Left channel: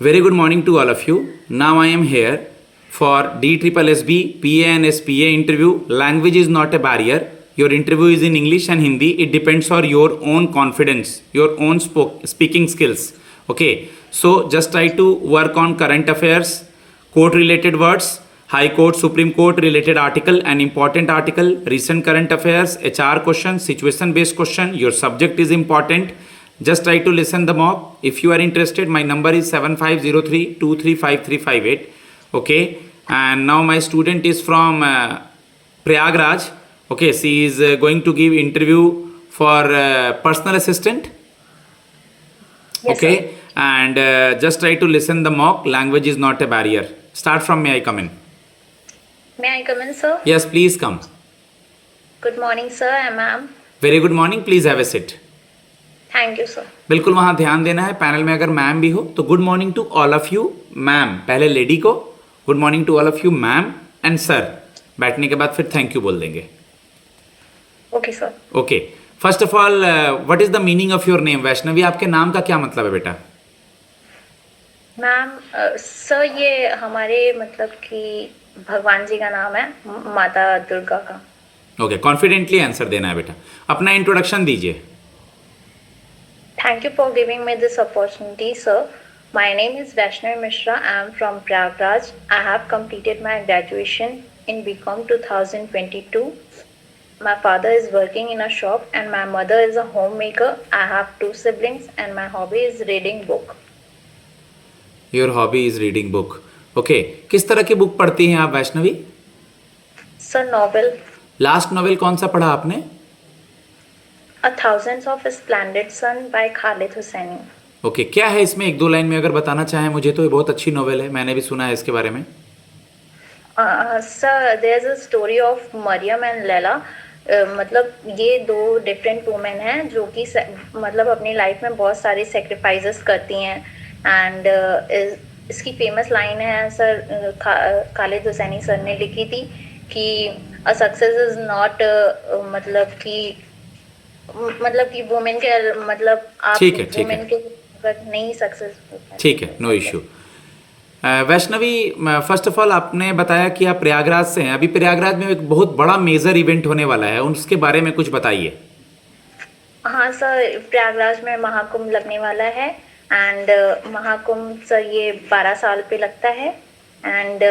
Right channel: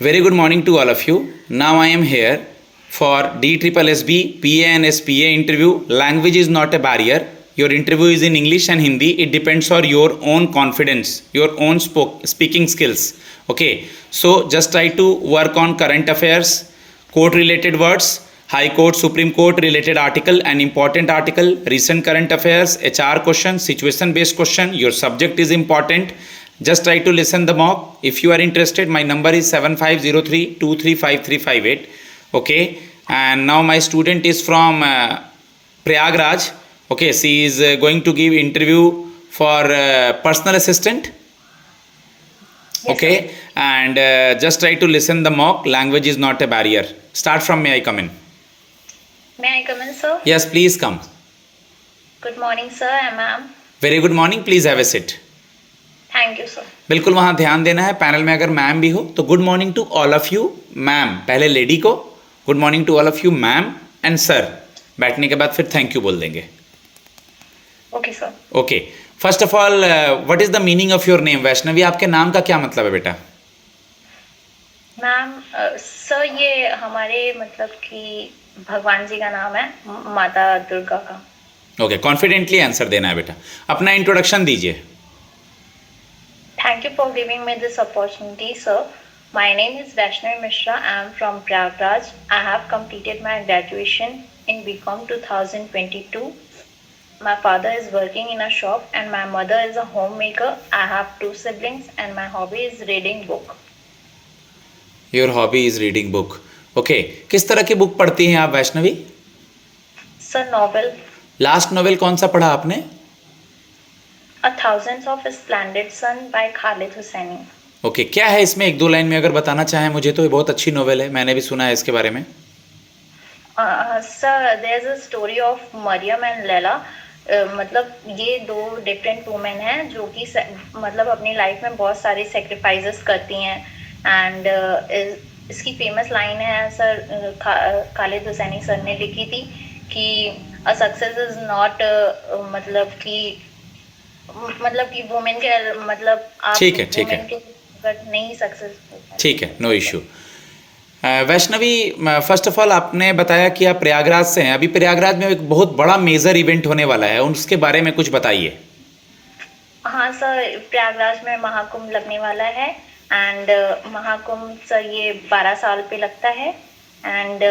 Very good morning to all of you. Now I am here for DSSB PA and SPA interview. Language is not a barrier. Your interview is in English and Hindi. It depends on your own confidence, your own speaking skills. Okay, so just try to work on current affairs, court related words, High Court, Supreme Court related article and important article, recent current affairs, HR question, situation based question. Your subject is important. Just try to listen the mock. If you are interested, my number is 7503235358. Okay, and now my student is from Prayagraj. Okay, she is going to give interview for personal assistant. Yes, Okay, sir. and just try to listen the mock. Language is not a barrier. Start from may I come in? May I come in, sir? Yes, please come. Good morning, sir and ma'am. Very good morning. Please have a sit. Thank you, sir. बिल्कुल वहाँ ध्यान देना है. Panel में अगर ma'am भी हो तो good morning to all of you ma'am. पहले लेडी को good morning to all of you ma'am and sir. बैठने के बाद फिर थैंक यू बोल देंगे. Okay, sir. Okay, first of all what is the meaning of your name? Vaishnavi, आपके नाम का क्या मतलब है बेटा? मैम, सर ये हमारे मतलब कि भगवान जी का नाम है, माता दुर्गा का. ओके, कॉन्फिडेंटली आंसर देना है बेटा. अपना इंट्रोडक्शन दीजिए. Thank you for giving me this opportunity, sir. My name is Vaishnavi Mishra. I am from Prayagraj. I have completed my graduation in BCom 2022. My father is working in a shop and my mother is a homemaker. I have 2 siblings and my hobby is reading book. Your hobby is reading book. Okay, किस तरह की book पढ़ती हैं आप Vaishnavi? Sir, novel last novel कौन सा पढ़ा आपने? A Thousands of Splendid Sun by Khalid Hosseini. Okay, क्या है इसमें? एक दो लाइन में अगर बताना चाहें मुझे तो. ये बहुत अच्छी नॉवेल है, मैंने भी सुना है इसके बारे में. Sir, there's a story of Mariam and Laila. मतलब ये 2 डिफरेंट वुमेन हैं जो कि मतलब अपनी लाइफ में बहुत सारी सेक्रीफाइसेस करती हैं. एंड इसकी फेमस लाइन है सर, खालिद हुसैनी सर ने लिखी थी कि अ सक्सेस इज नॉट मतलब कि वुमेन के मतलब आप ठीक है, ठीक है. वुमेन के बट नहीं सक्सेसफुल. ठीक है, no issue. Vaishnavi, first of all आपने बताया कि आप प्रयागराज से हैं. अभी प्रयागराज में एक बहुत बड़ा मेजर इवेंट होने वाला है, उसके बारे में कुछ बताइए. हाँ सर, प्रयागराज में महाकुंभ लगने वाला है. एंड महाकुंभ सर ये 12 साल पे लगता है. एंड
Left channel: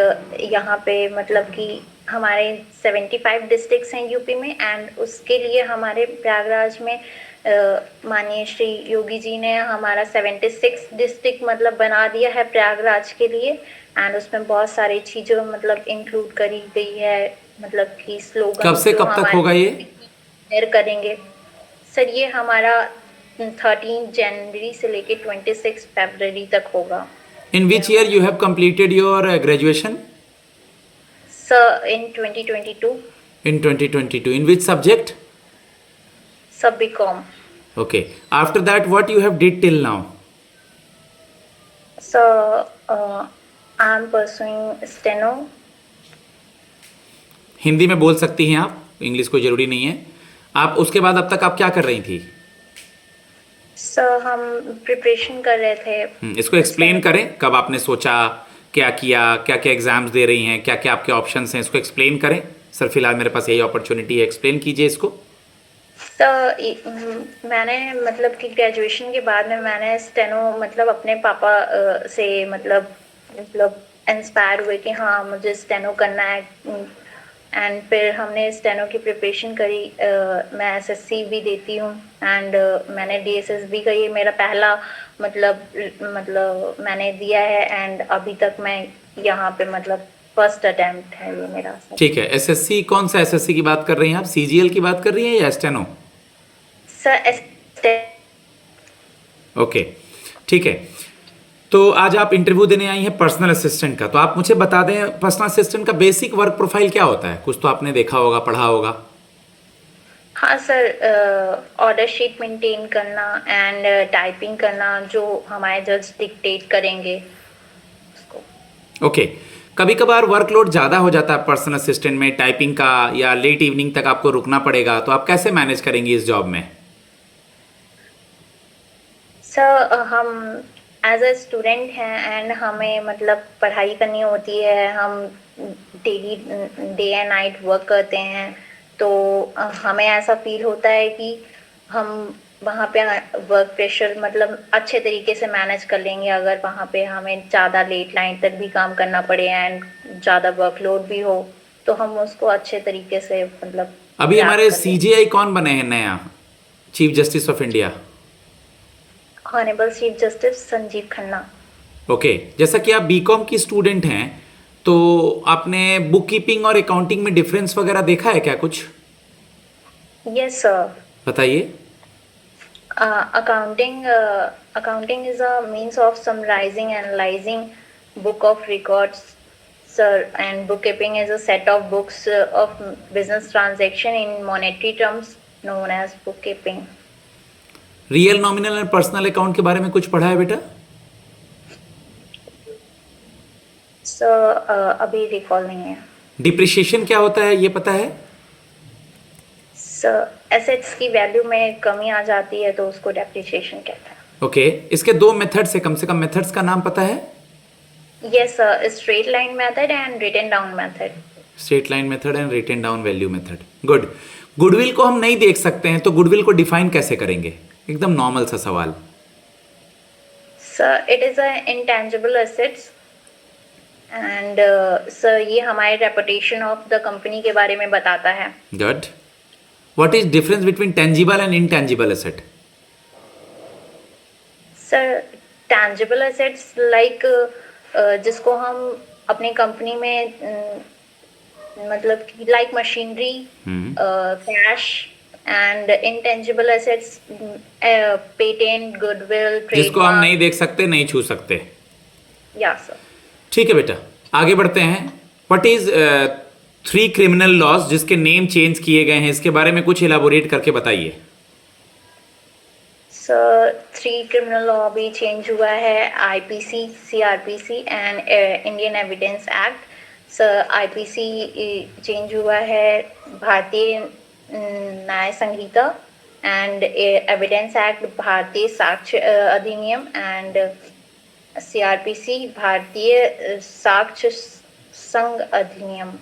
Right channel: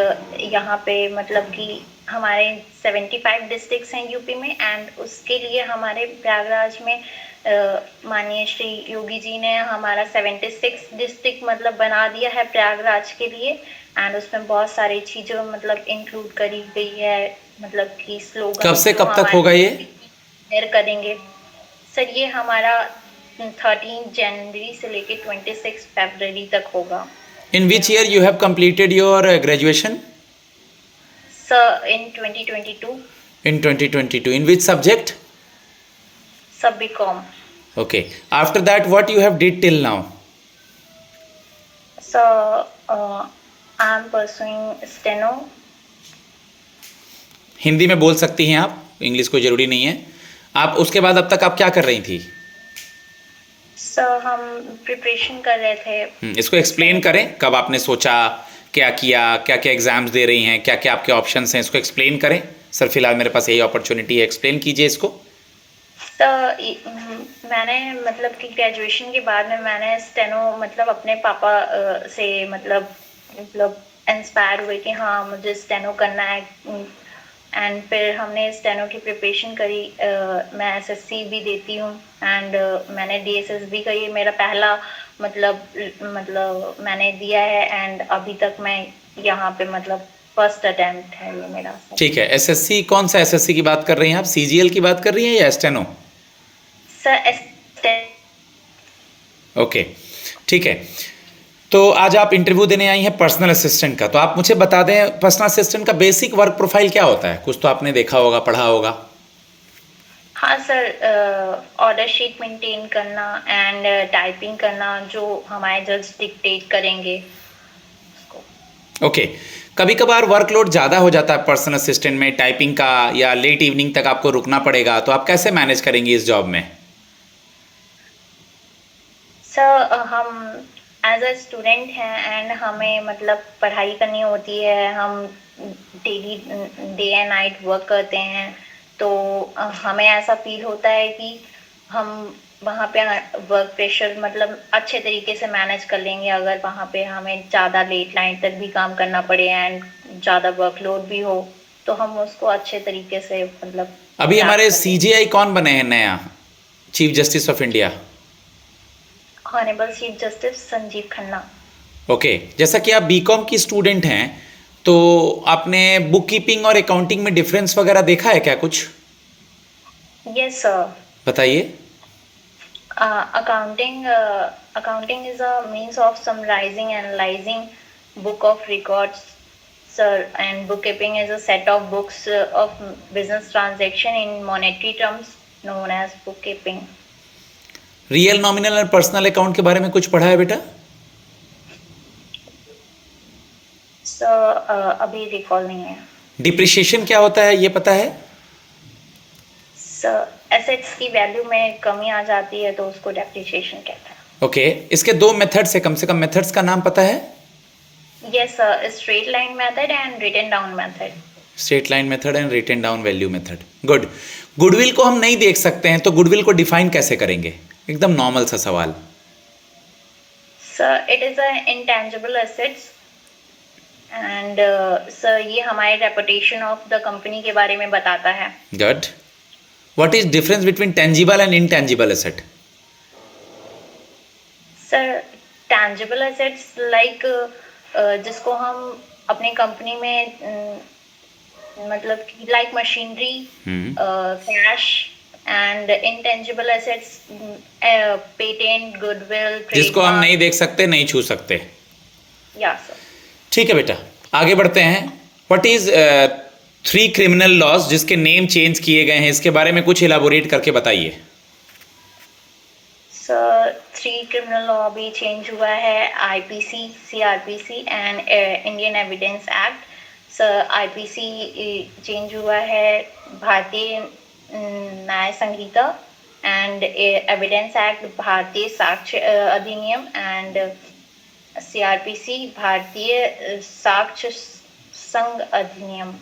यहाँ पे मतलब कि हमारे 75 डिस्ट्रिक्ट्स हैं यूपी में. एंड उसके लिए हमारे प्रयागराज में माननीय श्री योगी जी ने हमारा 76 डिस्ट्रिक्ट मतलब बना दिया है प्रयागराज के लिए. एंड उसमें बहुत सारी चीज़ें मतलब इंक्लूड करी गई है. मतलब कि स्लोगन कब से कब तक होगा ये? शेयर करेंगे सर. ये हमारा 13 जनवरी से लेके 26 फरवरी तक होगा. In which year you have completed your graduation? Sir in 2022. In 2022. In which subject? Sir BCom. Okay, after that what you have did till now? Sir I am pursuing steno. Hindi में बोल सकती हैं आप, इंग्लिश कोई ज़रूरी नहीं है. आप उसके बाद अब तक आप क्या कर रही थी? सर हम प्रिपरेशन कर रहे थे. इसको एक्सप्लेन करें. कब आपने सोचा, क्या किया, क्या क्या एग्जाम्स दे रही हैं, क्या क्या आपके ऑप्शंस हैं, इसको एक्सप्लेन करें. सर फिलहाल मेरे पास यही अपॉर्चुनिटी है, एक्सप्लेन कीजिए इसको. सर मैंने मतलब कि ग्रेजुएशन के बाद में मैंने स्टेनो मतलब अपने पापा से मतलब इंस्पायर हुए कि हाँ मुझे स्टेनो करना है. एंड फिर हमने स्टेनो की प्रिपरेशन करी. मैं एसएससी भी देती हूँ. एंड मैंने डीएसएस भी करी. मेरा पहला मतलब मैंने दिया है. एंड अभी तक मैं यहाँ पे मतलब फर्स्ट अटेम्प्ट है ये मेरा. ठीक है. एसएससी, कौन सा एसएससी की बात कर रही हैं आप? सीजीएल की बात कर रही हैं या स्टेनो? सर ओके, ठीक है. तो आज आप इंटरव्यू देने आई हैं पर्सनल असिस्टेंट का. तो आप मुझे बता दें पर्सनल असिस्टेंट का बेसिक वर्क प्रोफाइल क्या होता है? कुछ तो आपने देखा होगा, पढ़ा होगा. हाँ सर, ऑर्डर शीट मेंटेन करना एंड टाइपिंग करना जो हमारे जज डिक्टेट करेंगे उसको. ओके, कभी कभार वर्कलोड ज़्यादा हो जाता है पर्सनल असिस्टेंट में, टाइपिंग का, या लेट इवनिंग तक आपको रुकना पड़ेगा, तो आप कैसे मैनेज करेंगी इस जॉब में? सर हम एज अ स्टूडेंट हैं एंड हमें मतलब पढ़ाई करनी होती है, हम daily day and night work करते हैं, तो हमें ऐसा फील होता है कि हम वहाँ पे वर्क प्रेशर मतलब अच्छे तरीके से मैनेज कर लेंगे अगर वहाँ पे हमें ज़्यादा लेट नाइट तक भी काम करना पड़े एंड ज़्यादा वर्कलोड भी हो, तो हम उसको अच्छे तरीके से मतलब अभी अडेप्ट हमारे कर लेंगे। सीजीआई कौन बने हैं नया, chief justice of India? Honourable chief justice Sanjeev Khanna. Okay, जैसा कि आप बीकॉम की स्टूडेंट हैं, तो आपने बुक कीपिंग और अकाउंटिंग में डिफरेंस वगैरह देखा है क्या कुछ? Yes sir. बताइए। Accounting is a means of summarizing, analyzing book of records, sir, and bookkeeping is a set of books of business transaction in monetary terms known as bookkeeping. Real, nominal और personal account के बारे में कुछ पढ़ा है बेटा? Sir अभी recall नहीं है। डिप्रिशिएशन क्या होता है ये पता है? सर एसेट्स की वैल्यू में कमी आ जाती है तो उसको डेप्रिसिएशन कहते हैं। ओके, इसके दो मेथड्स है, कम से कम मेथड्स का नाम पता है? Yes sir, straight line method and written down method. Straight line method and written down value method. Good. Goodwill को हम नहीं देख सकते हैं, तो गुडविल को डिफाइन कैसे करेंगे? एकदम नॉर्मल सा सवाल। Sir it is a intangible assets and sir ये हमारे रेपुटेशन ऑफ द कंपनी के बारे में बताता है। Good. What is difference between tangible and intangible asset? Sir tangible assets like जिसको हम अपने कंपनी में मतलब like machinery, cash, and intangible assets patent, goodwill, जिसको हम नहीं ट्रेडमार्क। देख सकते, नहीं छू सकते। या सर। ठीक है बेटा, आगे बढ़ते हैं। व्हाट इज 3 क्रिमिनल लॉज जिसके नेम चेंज किए गए हैं, इसके बारे में कुछ इलाबोरेट करके बताइए। सर 3 क्रिमिनल लॉ भी चेंज हुआ है, IPC, CrPC and Indian evidence act. Sir IPC change हुआ है, भारतीय न्याय संहिता, एंड एविडेंस एक्ट भारतीय साक्ष्य अधिनियम, एंड सीआरपीसी भारतीय साक्ष्य संघ अधिनियम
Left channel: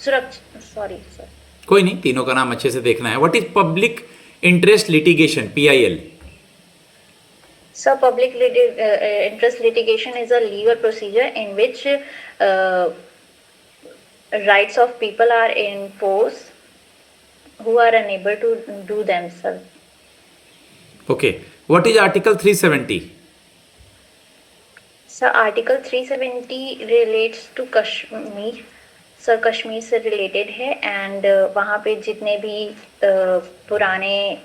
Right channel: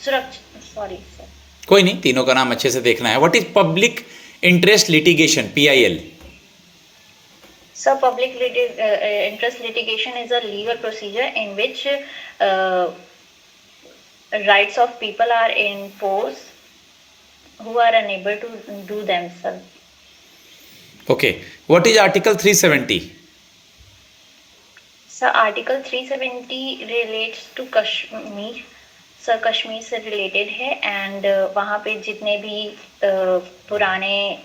सुरक्षा। Sorry sir. कोई नहीं, तीनों का नाम अच्छे से देखना है। What is public interest litigation, PIL? So public interest litigation is a legal procedure in which rights of people are enforced who are unable to do themselves. Okay, what is Article 370? So Article 370 relates to Kashmir. Sir Kashmir से related है and वहाँ पे जितने भी पुराने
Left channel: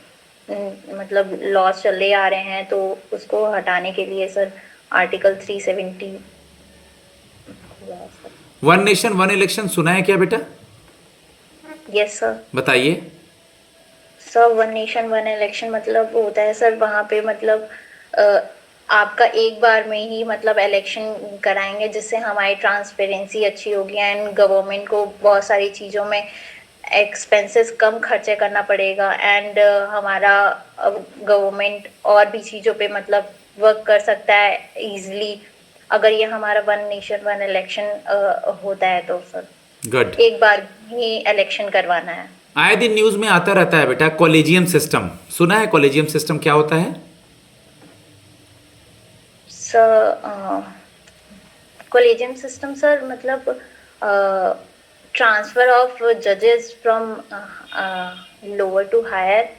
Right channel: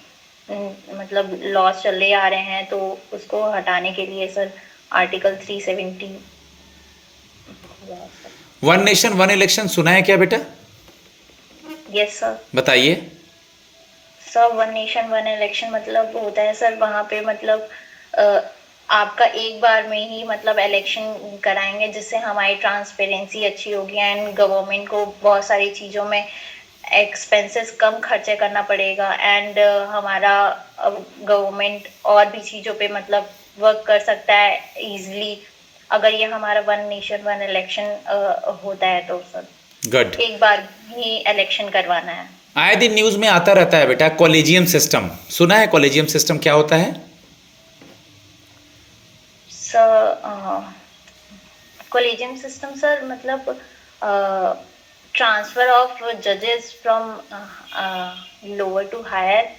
मतलब laws चले आ रहे हैं तो उसको हटाने के लिए सर आर्टिकल 370 हुआ sir. One nation one election सुना है क्या बेटा? Yes sir. बताइए। Sir one nation one election मतलब होता है सर वहाँ पे मतलब आपका एक बार में ही मतलब इलेक्शन कराएंगे जिससे हमारी ट्रांसपेरेंसी अच्छी होगी एंड गवर्नमेंट को बहुत सारी चीज़ों में एक्सपेंसेस कम खर्चे करना पड़ेगा एंड हमारा गवर्नमेंट और भी चीज़ों पे मतलब वर्क कर सकता है इजीली अगर ये हमारा वन नेशन वन इलेक्शन होता है तो सर। गुड। एक बार ही इलेक्शन करवाना है। आए दिन न्यूज में आता रहता है बेटा कॉलेजियम सिस्टम, सुना है? कॉलेजियम सिस्टम क्या होता है? कॉलेजियम सिस्टम सर मतलब ट्रांसफर ऑफ जजेस from lower to higher.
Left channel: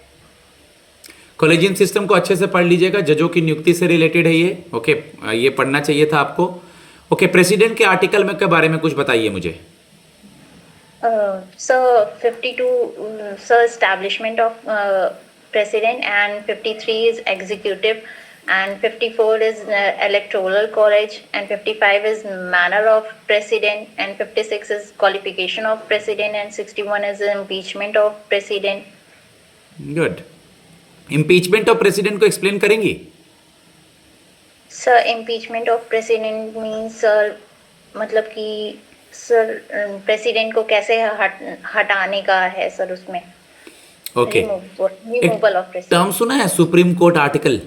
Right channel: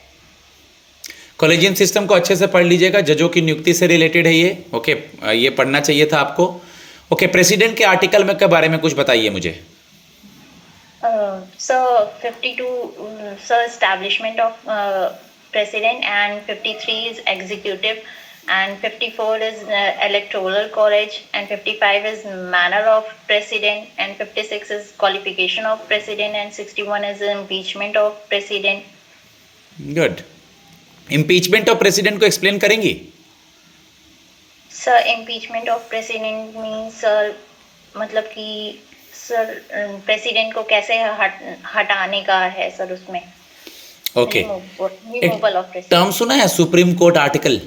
Collegium system को अच्छे से पढ़ लीजिएगा, जजों की नियुक्ति से रिलेटेड है ये। ओके, ये पढ़ना चाहिए था आपको। ओके, प्रेसिडेंट के आर्टिकल में के बारे में कुछ बताइए मुझे। Sir 52 sir establishment of president and 53 is executive and 54 is electoral college and 55 is manner of president and 56 is qualification of president and 61 is impeachment of president. Good. Impeachment of president को explain करेंगी? Sir impeachment of president means sir मतलब कि sir president को कैसे हटाने का है sir उसमें। Okay, removal of president. Term सुना है supreme court article?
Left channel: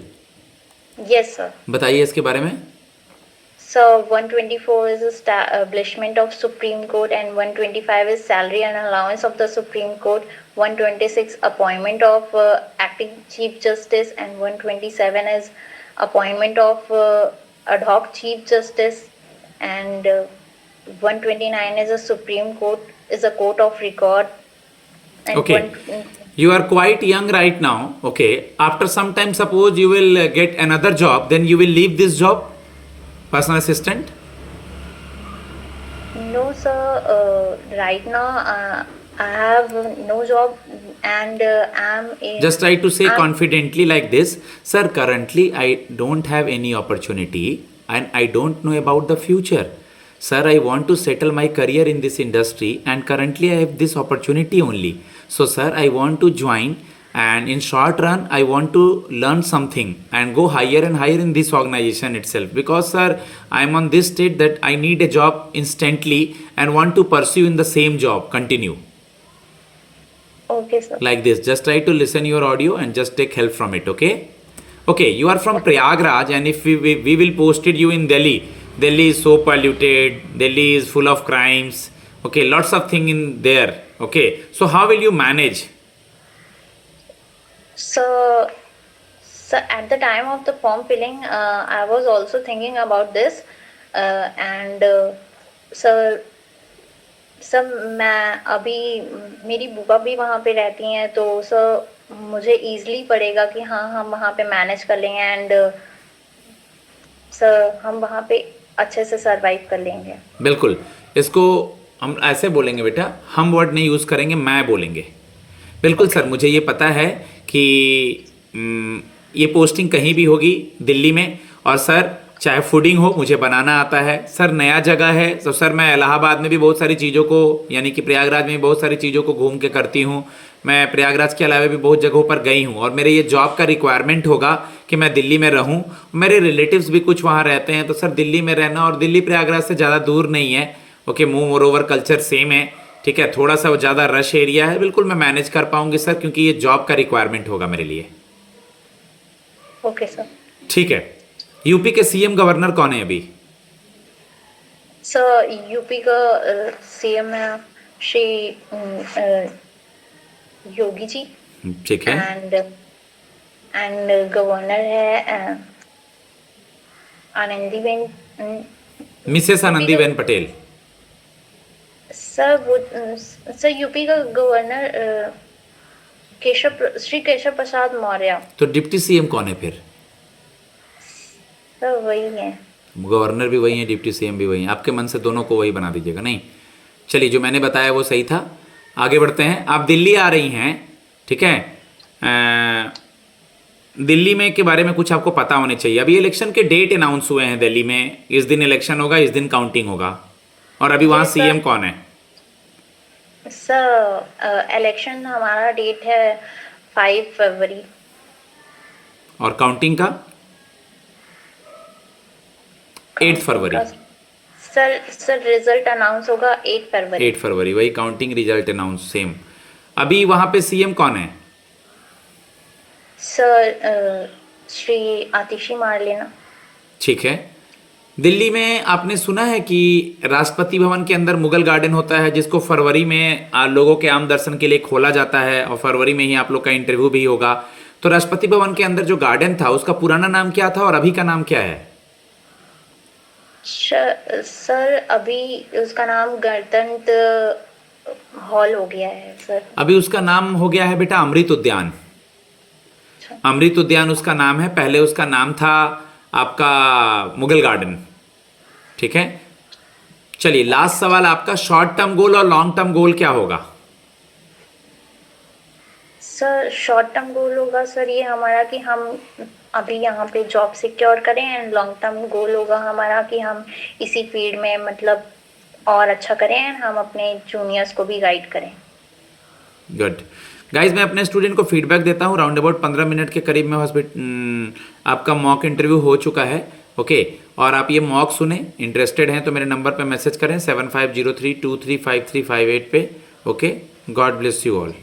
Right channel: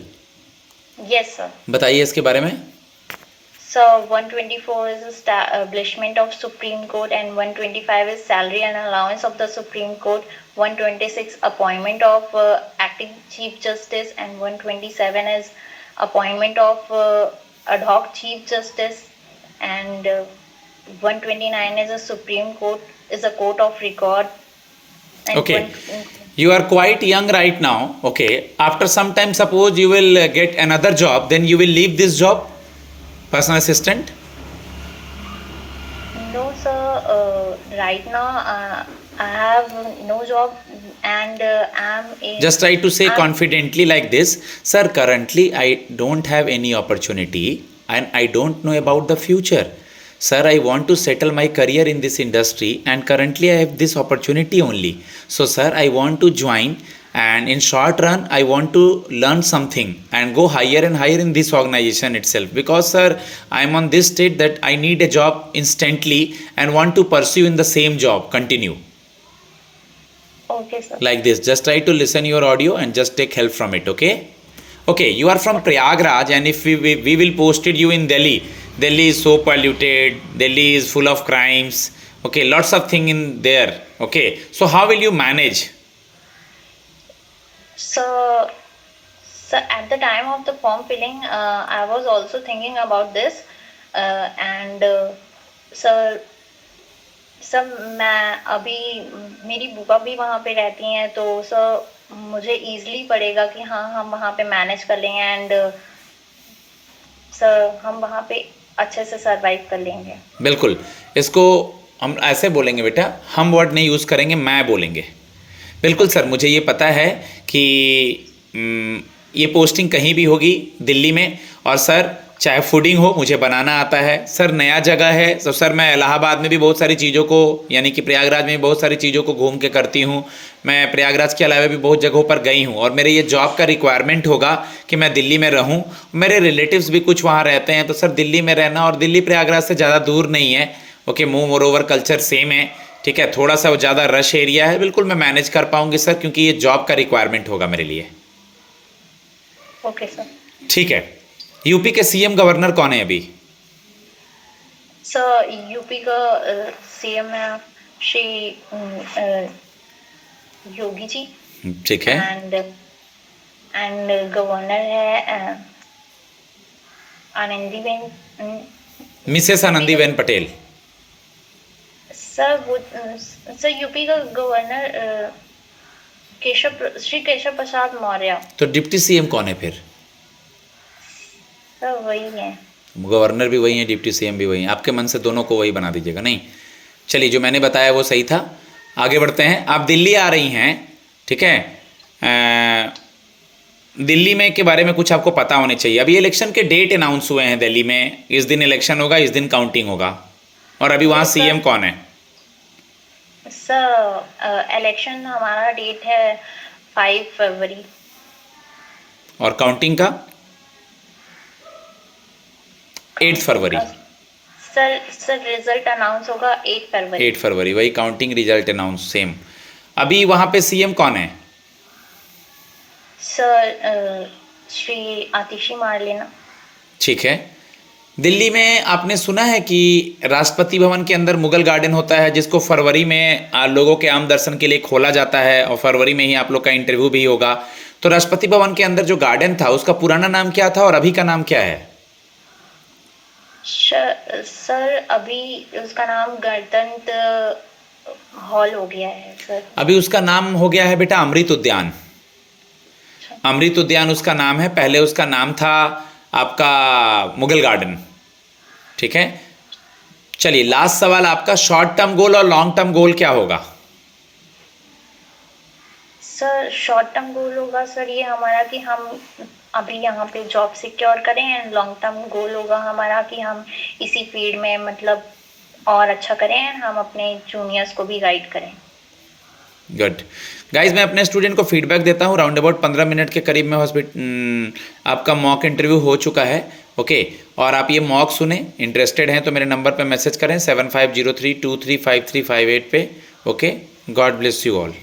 Yes, sir. बताइए इसके बारे में। So 124 is establishment of Supreme Court and 125 is salary and allowance of the Supreme Court. 126 appointment of acting Chief Justice and 127 is appointment of ad hoc Chief Justice and 129 is a Supreme Court is a court of record. And Okay. You are quite young right now. Okay. After some time, suppose you will get another job, then you will leave this job, personal assistant. No, sir. Right now, I have no job and I'm in. Just try to say confidently like this, sir. Currently, I don't have any opportunity and I don't know about the future. Sir, I want to settle my career in this industry and currently I have this opportunity only. So, sir, I want to join and in short run, I want to learn something and go higher and higher in this organization itself. Because, sir, I am on this state that I need a job instantly and want to pursue in the same job, continue. Okay, sir. Like this, just try to listen your audio and just take help from it, okay? Okay, you are from Prayagraj and if we will posted you in Delhi. Delhi is so polluted, Delhi is full of crimes, okay, lots of thing in there, okay. So how will you manage? So, at the time of the form filling, I was also thinking about this, and sir, मैं अभी मेरी बुआ भी वहाँ पे रहती हैं तो सर मुझे इजीली पड़ेगा कि हाँ हम वहाँ पे मैनेज कर लेंगे एंड सर हम वहाँ पे अच्छे से सरवाइव कर लेंगे। बिल्कुल, इसको हम ऐसे बोलेंगे बेटा, हम वर्ड नहीं यूज़ करेंगे, मैं बोलेंगे। बिल्कुल सर, मुझे ये पता है कि ये पोस्टिंग कहीं भी होगी दिल्ली में और सर चाहे फूडिंग हो मुझे बनाना आता है। सर नया जगह है तो सर मैं इलाहाबाद में भी बहुत सारी चीज़ों को यानी कि प्रयागराज में भी बहुत सारी चीज़ों को घूम के करती हूँ। मैं प्रयागराज के अलावा भी बहुत जगहों पर गई हूँ और मेरे ये जॉब का रिक्वायरमेंट होगा कि मैं दिल्ली में रहूँ। मेरे रिलेटिव्स भी कुछ वहाँ रहते हैं तो सर दिल्ली में रहना और दिल्ली प्रयागराज से ज़्यादा दूर नहीं है। Okay, more over culture same है, ठीक है, थोड़ा सा ज़्यादा रश एरिया है, बिल्कुल मैं मैनेज कर पाऊँगी सर क्योंकि ये जॉब का रिक्वायरमेंट होगा मेरे लिए। ओके सर, ठीक है। यूपी के सीएम गवर्नर कौन है अभी? सर यूपी का सीएम है श्री योगी जी, ठीक है, एंड गवर्नर है आनंदीबेन, मिसेस आनंदीबेन पटेल। सर वो सर यूपी का गवर्नर श्री केशव प्रसाद मौर्य। तो डिप्टी सीएम कौन है फिर? सर वही है, गवर्नर भी वही है, डिप्टी सीएम भी वही है। आपके मन से दोनों को वही बना दीजिएगा। नहीं, चलिए जो मैंने बताया वो सही था। आगे बढ़ते हैं। आप दिल्ली आ रही हैं, ठीक है, दिल्ली में के बारे में कुछ आपको पता होने चाहिए। अभी इलेक्शन के डेट अनाउंस हुए हैं दिल्ली में, इस दिन इलेक्शन होगा, इस दिन काउंटिंग होगा। और अभी वहाँ सीएम कौन है? सर इलेक्शन हमारा डेट है 5 फरवरी। और काउंटिंग का 8 फरवरी। सर रिजल्ट अनाउंस होगा 8 फरवरी। 8 फरवरी, वही काउंटिंग रिजल्ट अनाउंस सेम। अभी वहाँ पे सीएम कौन है? सर श्री आतिशी मारलेना। ठीक है। दिल्ली में आपने सुना है कि राष्ट्रपति भवन के अंदर मुगल गार्डन होता है जिसको फरवरी में लोगों के आम दर्शन के लिए खोला जाता है और फरवरी में ही आप लोग का इंटरव्यू भी होगा। तो राष्ट्रपति भवन के अंदर जो गार्डन था उसका पुराना नाम क्या था और अभी का नाम क्या है? सर अभी उसका नाम गणतंत्र हॉल हो गया है सर। अभी उसका नाम हो गया है बेटा अमृत उद्यान। अमृत उद्यान उसका नाम है, पहले उसका नाम था आपका मुगल गार्डन। ठीक है, चलिए लास्ट सवाल आपका, शॉर्ट टर्म गोल और लॉन्ग टर्म गोल क्या होगा? सर शॉर्ट टर्म गोल होगा सर ये हमारा कि हम अभी यहाँ पे जॉब सिक्योर करें एंड लॉन्ग टर्म गोल होगा हमारा कि हम इसी फील्ड में मतलब और अच्छा करें एंड हम अपने जूनियर्स को भी गाइड करें। गुड गाइज, मैं अपने स्टूडेंट को फीडबैक देता हूँ। राउंड अबाउट 15 मिनट के करीब में आपका मॉक इंटरव्यू हो चुका है। ओके, और आप ये मॉक सुने, इंटरेस्टेड हैं तो मेरे नंबर पे मैसेज करें 7503235358 पे। Okay, God bless you all.